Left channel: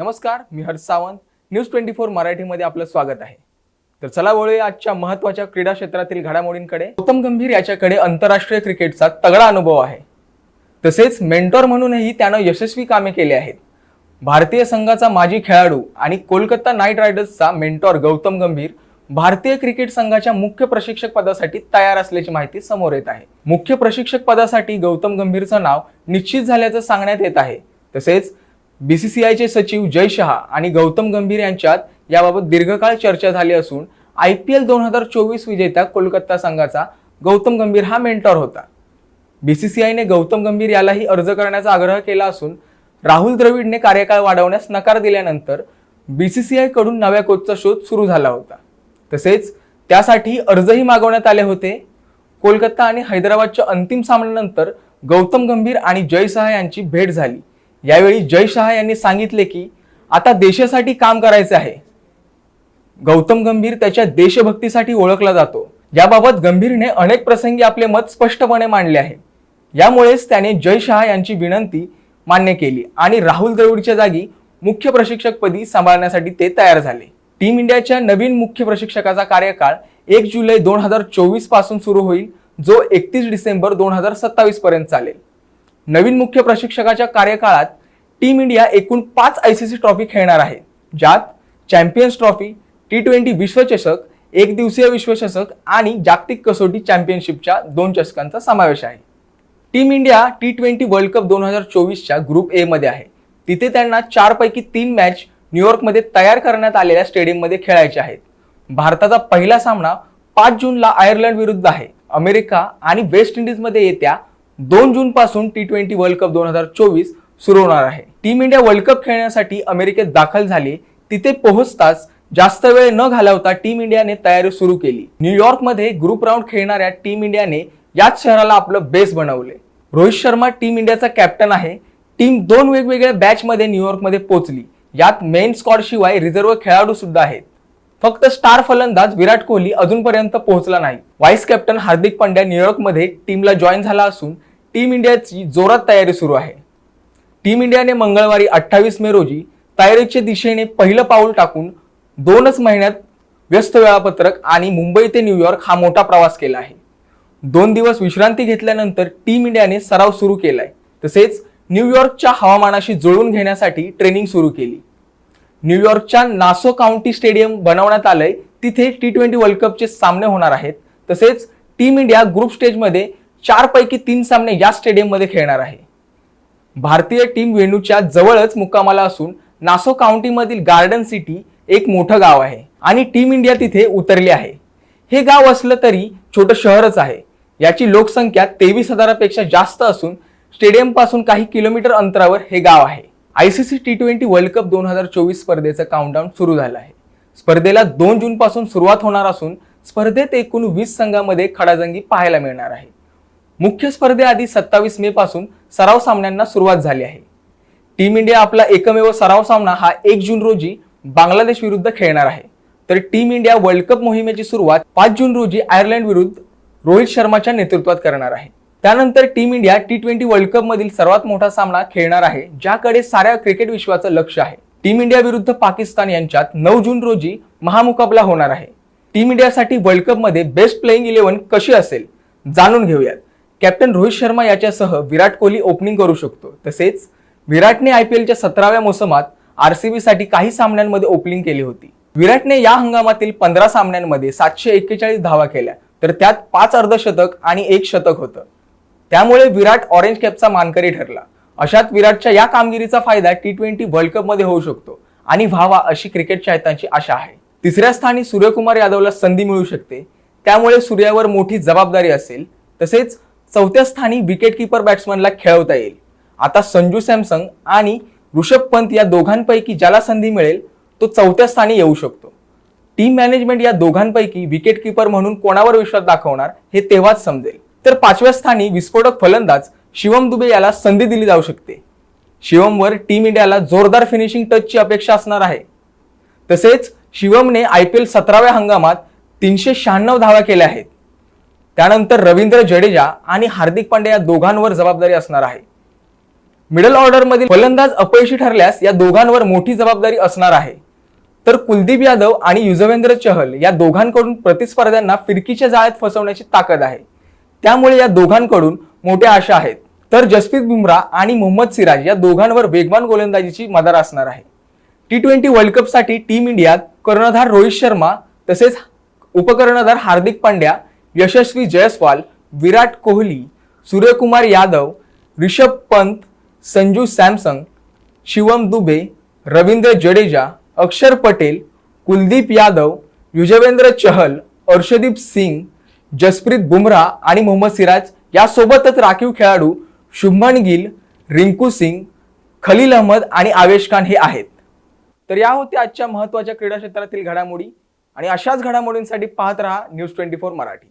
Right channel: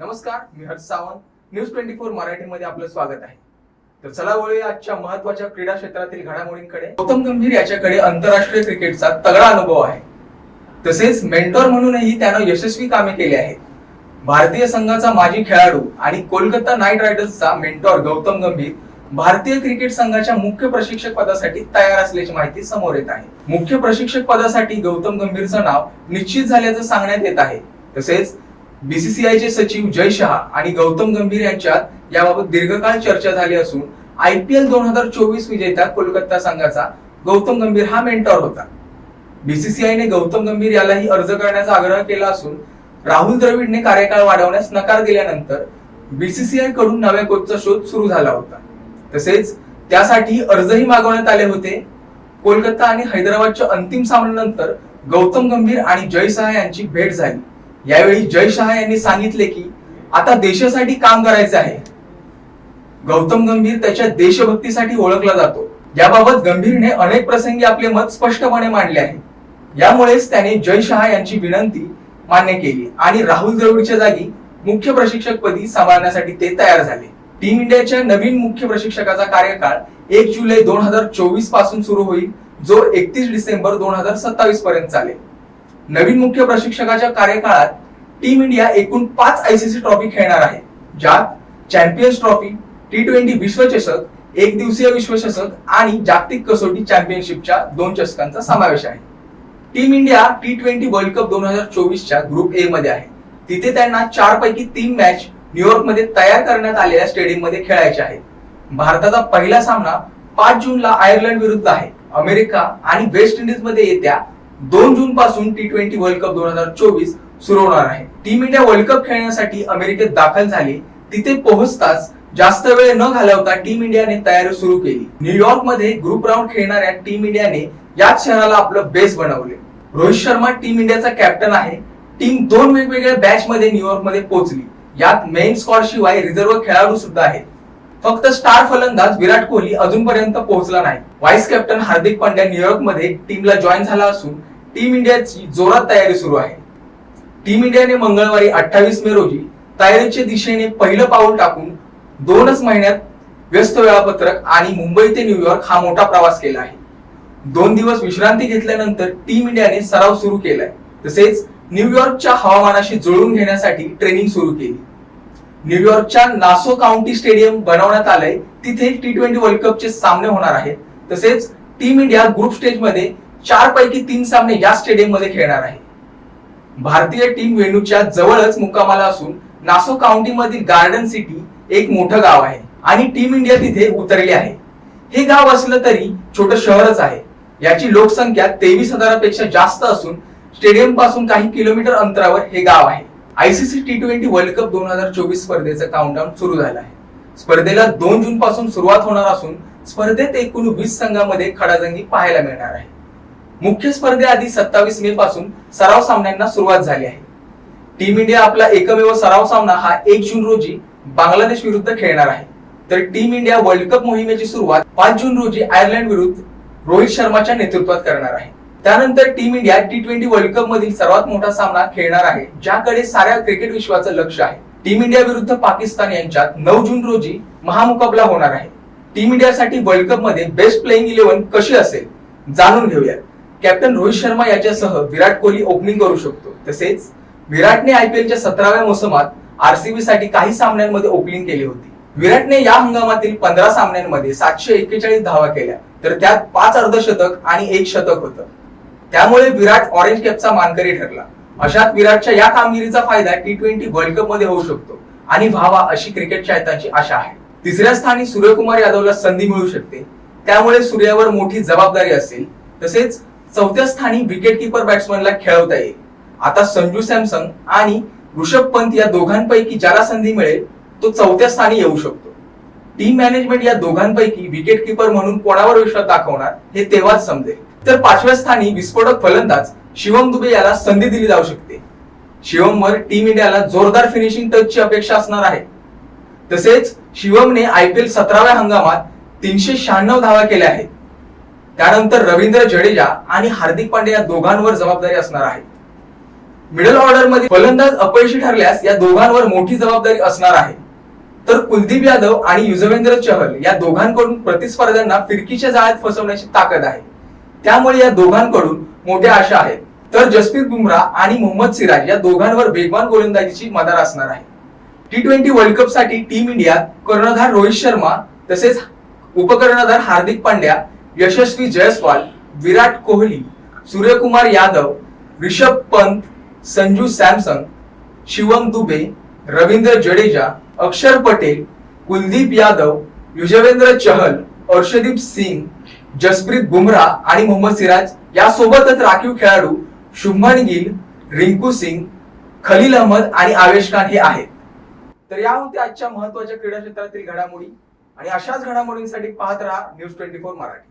नमस्कार, मी हर्ष सावंत. न्यूज 24 मराठीमध्ये आपलं स्वागत आहे. तर चला वळूया आजच्या महत्त्वाच्या क्रीडा क्षेत्रातील घडामोडींकडे. गौतम गंभीर याच्याकडे आंतरराष्ट्रीय क्रिकेटचा तगडा अनुभव आहे. तसेच मेंटॉर म्हणूनही त्यानं यशस्वी कामे केली आहेत. भारतीय संघाचा माजी खेळाडू आणि कोलकाता नाईट रायडर्सचा मेंटॉर गौतम गंभीर भारतीय क्रिकेट संघाच्या मुख्य प्रशिक्षक पदासाठी तयार असल्याची माहिती समोर येत आहे. मुख्य प्रशिक्षक पदासाठी गौतम गंभीरचं नाव निश्चित झाल्याचं सांगण्यात येत आहे. तसेच बीसीसीआयचे सचिव जय शहा आणि गौतम गंभीर यांच्यात याबाबत दीर्घकाळ चर्चा झाली असून IPL 2024 विजेत्या कोलकाता संघाचा गौतम गंभीर हा मेंटॉर होता. बीसीसीआयने गौतम गंभीर यालाही अर्ज करण्याचा आग्रह केला असून राहुल द्रविडने कार्यकाळ वाढवण्यास नकार दिल्यानंतर बीसीसीआय कडून नव्या कोचचा शोध सुरू झाला होता. तसेच त्यासाठी अर्जही मागवण्यात आले होते. कोलकाता आणि हैदराबादच्या अंतिम सामन्यानंतर गौतम गंभीर आणि जय शहा यांची भेट झाली. यावेळी जय शहा यांनी सांगितले की आता देशासाठी काम करायचे आहे. गौतम गंभीर त्याच्या देशभक्तीसाठी ओळखला जातो. याबाबत गंभीरने अनेक प्रसंगी आपले मत स्पष्टपणे मांडले आहे. यामुळेच त्याने जय शहा यांची विनंती मान्य केली आणि राहुल द्रविडच्या जागी मुख्य प्रशिक्षकपदी सांभाळण्यासाठी ते तयार झाले. टीम इंडियाच्या नवीन मुख्य प्रशिक्षकाचा कार्यकाळ 1 जुलै 2024 पासून सुरू होईल, जो 31 डिसेंबर 2027 पर्यंत चालेल. नवीन मुख्य प्रशिक्षकाच्या कार्यकाळात टीम इंडिया एकूण 5 ICC ट्रॉफी खेळणार आहे, ज्यात चॅम्पियन्स ट्रॉफी, T20 विश्वचषक, एक दिवसीय विश्वचषक आणि जागतिक कसोटी चॅम्पियनशिपच्या 2 चषकांचा समावेश आहे. Team India T20 world cup 2024च्या ग्रुप ए मध्ये आहे. तिथे त्यांना 4 पैकी 3 मॅच न्यूयॉर्कमध्ये तयार करण्यात आलेल्या स्टेडियममध्ये खेळायचे आहेत. भारताचा पहिला सामना 5 जूनला आयर्लंड विरुद्ध आहे. अमेरिका आणि वेस्ट इंडिज मध्ये येत्या 2 जून पासून T20 वर्ल्ड कप 2024 सुरू होणार आहे. टीम इंडिया वर्ल्ड कप खेळण्यासाठी अमेरिकेत दाखल झाली. तिथे पोहोचताच जास्त वेळ न घालवता टीम इंडियाने तयारी सुरू केली. न्यूयॉर्क मध्ये ग्रुप राऊंड खेळणाऱ्या टीम इंडियाने याच शहराला आपलं बेस बनवले. रोहित शर्मा टीम इंडियाचा कॅप्टन आहे. टीम 2 वेगवेगळ्या बॅच मध्ये न्यूयॉर्क मध्ये पोहोचली. यात मेन स्क्वॉड शिवाय रिझर्व्ह खेळाडू सुद्धा आहेत. फक्त स्टार फलंदाज विराट कोहली अजूनपर्यंत पोहोचला नाही. Vice captain Hardik Pandya New York मध्ये टीमला जॉईन झाला असून टीम इंडियाची जोरात तयारी सुरू आहे. टीम इंडियाने मंगळवारी 28 मे रोजी तयारीच्या दिशेने पहिलं पाऊल टाकून 2च महिन्यात व्यस्त वेळापत्रक आणि मुंबई ते न्यूयॉर्क हा मोठा प्रवास केला आहे. 2 दिवस विश्रांती घेतल्यानंतर टीम इंडियाने सराव सुरू केलाय. तसेच न्यूयॉर्कच्या हवामानाशी जुळवून घेण्यासाठी ट्रेनिंग सुरू केली. न्यूयॉर्कच्या नासो काउंटी स्टेडियम बनवण्यात आलंय. तिथे T20 वर्ल्ड कपचे सामने होणार आहेत. तसेच टीम इंडिया ग्रुप स्टेज मध्ये 4 पैकी 3 सामने या स्टेडियम मध्ये खेळणार आहे. भारतीय टीम वेन्यूच्या जवळच मुक्कामाला असून नासो काउंटी मधील गार्डन सिटी एक मोठं गाव आहे आणि टीम इंडिया तिथे उतरली आहे. हे गाव असलं तरी छोटं शहरच आहे. याची लोकसंख्या 23,000पेक्षा जास्त असून स्टेडियम पासून काही किलोमीटर अंतरावर हे गाव आहे. ICC T20 वर्ल्ड कप 2024 स्पर्धेचं काउंटडाऊन सुरू झालं आहे. स्पर्धेला 2 जून पासून सुरुवात होणार असून स्पर्धेत एकूण 20 संघांमध्ये खडाजंगी पाहायला मिळणार आहे. मुख्य स्पर्धेआधी 27 मे पासून सराव सामन्यांना सुरुवात झाली आहे. टीम इंडिया आपला एकमेव सराव सामना हा 1 जून रोजी बांगलादेश विरुद्ध खेळणार आहे. तर टीम इंडिया वर्ल्ड कप मोहिमेची सुरुवात 5 जून रोजी आयर्लंड विरुद्ध रोहित शर्माच्या नेतृत्वात करणार आहे. त्यानंतर team India T20 world cup मधील सर्वात मोठा सामना खेळणार आहे, ज्याकडे साऱ्या क्रिकेट विश्वाचं लक्ष आहे. टीम इंडिया विरुद्ध पाकिस्तान यांच्यात 9 जून रोजी महामुकाबला होणार आहे. टीम इंडियासाठी वर्ल्ड कप मध्ये बेस्ट प्लेइंग 11 कशी असेल जाणून घेऊयात. कॅप्टन रोहित शर्मा याच्यासह विराट कोहली ओपनिंग करू शकतो. तसेच विराटने IPLच्या 17व्या मोसमात RCB साठी काही सामन्यांमध्ये ओपनिंग केली होती. विराटने या हंगामातील 15 सामन्यांमध्ये 741 धावा केल्या, तर त्यात 5 अर्धशतक आणि 1 शतक होतं. त्यामुळे विराट ऑरेंज कॅपचा मानकरी ठरला. अशात विराटच्या या कामगिरीचा फायदा T20 वर्ल्ड कप मध्ये होऊ शकतो आणि व्हावा अशी क्रिकेट चाहत्यांची आशा आहे. 3ऱ्या स्थानी सूर्यकुमार यादवला संधी मिळू शकते, त्यामुळे सूर्यावर मोठी जबाबदारी असेल. तसेच 4थ्या स्थानी विकेट कीपर बॅट्समनला खेळवता येईल. आता संजू सॅमसन आणि ऋषभ पंत या दोघांपैकी ज्याला संधी मिळेल तो 4थ्या स्थानी येऊ शकतो. टीम मॅनेजमेंट या दोघांपैकी विकेट कीपर म्हणून कोणावर विश्वास दाखवणार हे तेव्हाच समजेल. तर 5व्या स्थानी विस्फोटक फलंदाज शिवम दुबे याला संधी दिली जाऊ शकते. शिवमवर टीम इंडियाला जोरदार फिनिशिंग टचची अपेक्षा असणार आहे. तसेच शिवमने IPL 17व्या हंगामात 396 धावा केल्या आहेत. त्यानंतर रवींद्र जडेजा आणि हार्दिक पांड्या या दोघांवर जबाबदारी असणार आहे. मिडल ऑर्डर मध्ये फलंदाज अपयशी ठरल्यास या दोघांवर मोठी जबाबदारी असणार आहे. तर कुलदीप यादव आणि युजवेंद्र चहल या दोघांकडून प्रतिस्पर्ध्यांना फिरकीच्या जाळ्यात फसवण्याची ताकद आहे. त्यामुळे या दोघांकडून मोठ्या आशा आहेत. तर जसप्रीत बुमराह आणि मोहम्मद सिराज या दोघांवर वेगवान गोलंदाजीची मदार असणार आहे. T20 वर्ल्ड कप साठी टीम इंडियात कर्णधार रोहित शर्मा तसेच उपकर्णधार हार्दिक पांड्या, यशस्वी जयस्वाल, विराट कोहली, सूर्यकुमार यादव, ऋषभ पंत, संजू सॅमसन, शिवम दुबे, रवींद्र जडेजा, अक्षर पटेल, कुलदीप यादव, युजवेंद्र चहल, अर्शदीप सिंग, जसप्रीत बुमराह आणि मोहम्मद सिराज यासोबतच राखीव खेळाडू शुभमन गिल, रिंकू सिंग, खलील अहमद आणि आवेश खान हे आहेत. तर या होत्या आजच्या महत्त्वाच्या क्रीडा क्षेत्रातील घडामोडी आणि अशाच घडामोडींसाठी पाहत रहा न्यूज 24 मराठी.